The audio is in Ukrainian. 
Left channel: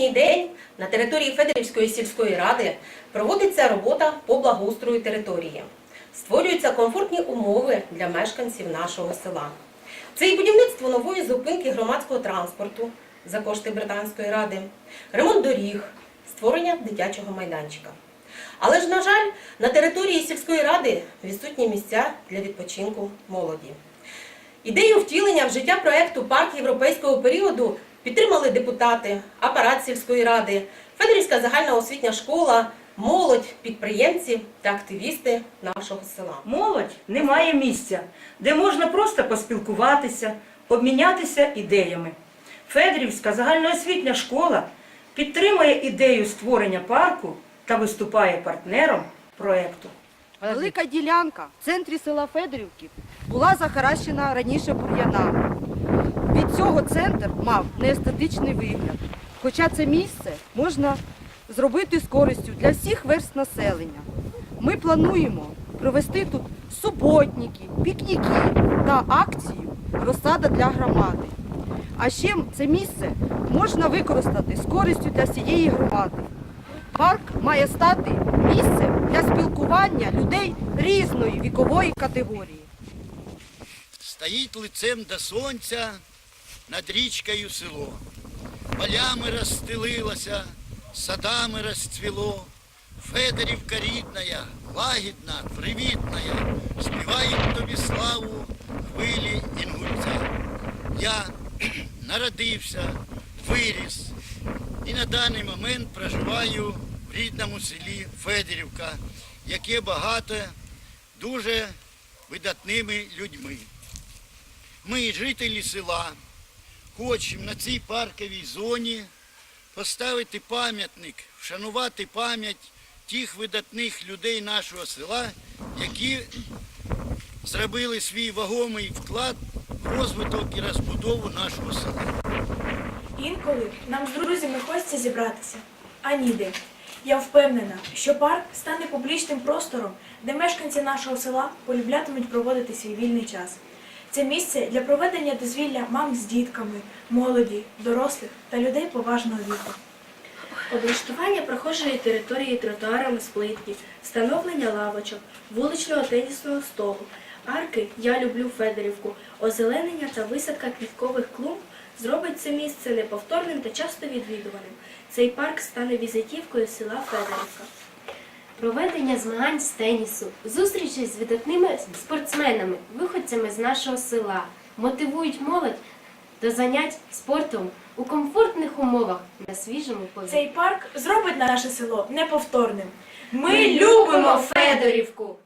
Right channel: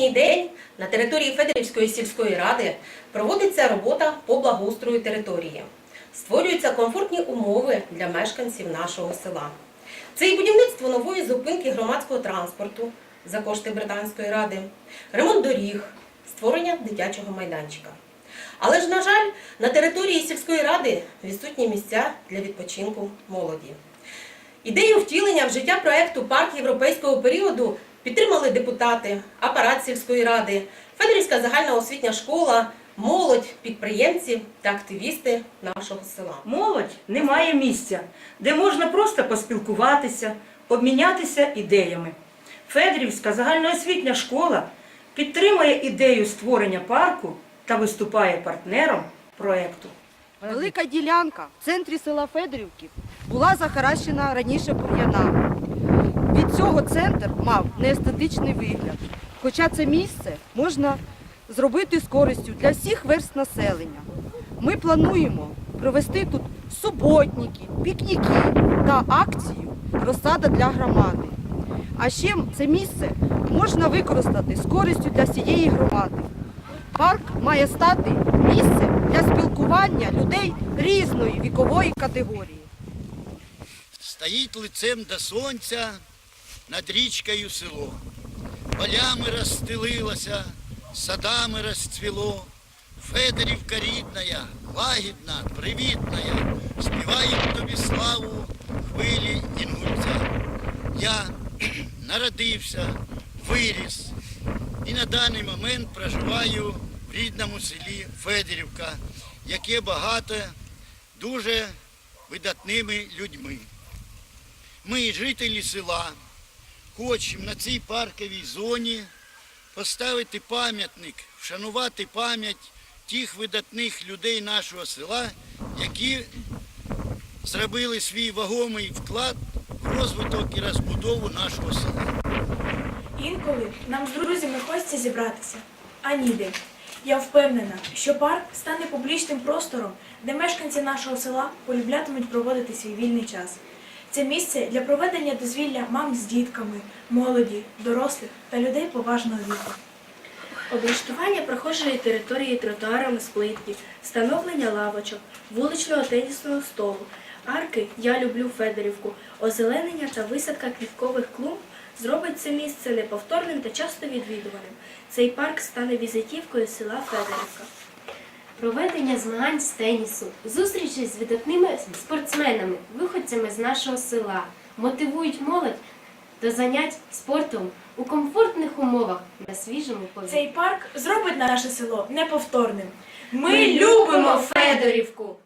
сьогоднішній день на території Федерівської сільської ради проводиться робота по благоустрою території. Створюються комфортні умови для мешканців нашого села. Це і будівництво нової зупинки громадського транспорту за кошти Британської ради, ремонт доріг, створення дитячого майданчика. Але ж, на жаль, на території сільської ради відсутні місця для відпочинку молоді. Ідею втілення в життя проекту Парк європейського періоду підтримали депутати, апарат сільської ради, Федерівська загальна освітня школа, молодь, підприємці та активісти нашого села. Молодь не має місця, де можна просто поспілкуватися, обмінятися ідеями. Федорівська загальноосвітня школа підтримує ідею створення парку та виступає партнером проекту. Велика ділянка в центрі села Федорівки була захаращена раніше бур'янами. Цього центр мав неестетичний вигляд. Хоча це місце можна зробити з користю для всіх верст населення. Ми плануємо провести тут суботники, пікніки та акцію розсада для громади. А ще це місце можна використати з користю для всієї громади. Парк має стати місцем для спілкування людей різної вікової категорії. Стоїть лицем до сонця над річкою село. Полями розстелилося, садами розцвіло. Федорівка рідная, лагідна, привітная, співають тобі славу хвилі інгульця. Я народився, виріс і на даний момент проживаю в рідному селі Федорівка, яке багато дуже видатними людьми. Ми, жителі села, хочемо на цій парковій зоні поставити пам'ятник, вшанувати пам'ять тих видатних людей нашого села, які зробили свій вагомий вклад в розвиток і розбудову нашого села. Інколи нам з друзями хочеться зібратися, а ніде. Я впевнена, що парк стане публічним простором, де мешканці нашого села полюблятимуть проводити свій вільний час. Це місце для проведення дозвілля мам з дітками, молоді, дорослих та людей поважного віку. Облаштування прохожої території тротуарами з плитки, встановлення лавочок, вуличного тенісного столу, арки Я люблю Федорівку, озеленення та висадка квіткових клумб зробить це місце неповторним та часто відвідуваним. Цей парк стане візитівкою села Федорівка. Проведення змагань з тенісу, зустрічі з видатними спортсменами, виходцями з нашого села, мотивують молодь до занять спортом у комфортних умовах на свіжому повітрі. Цей парк зробить наше село неповторним. Ми любимо Федорівку!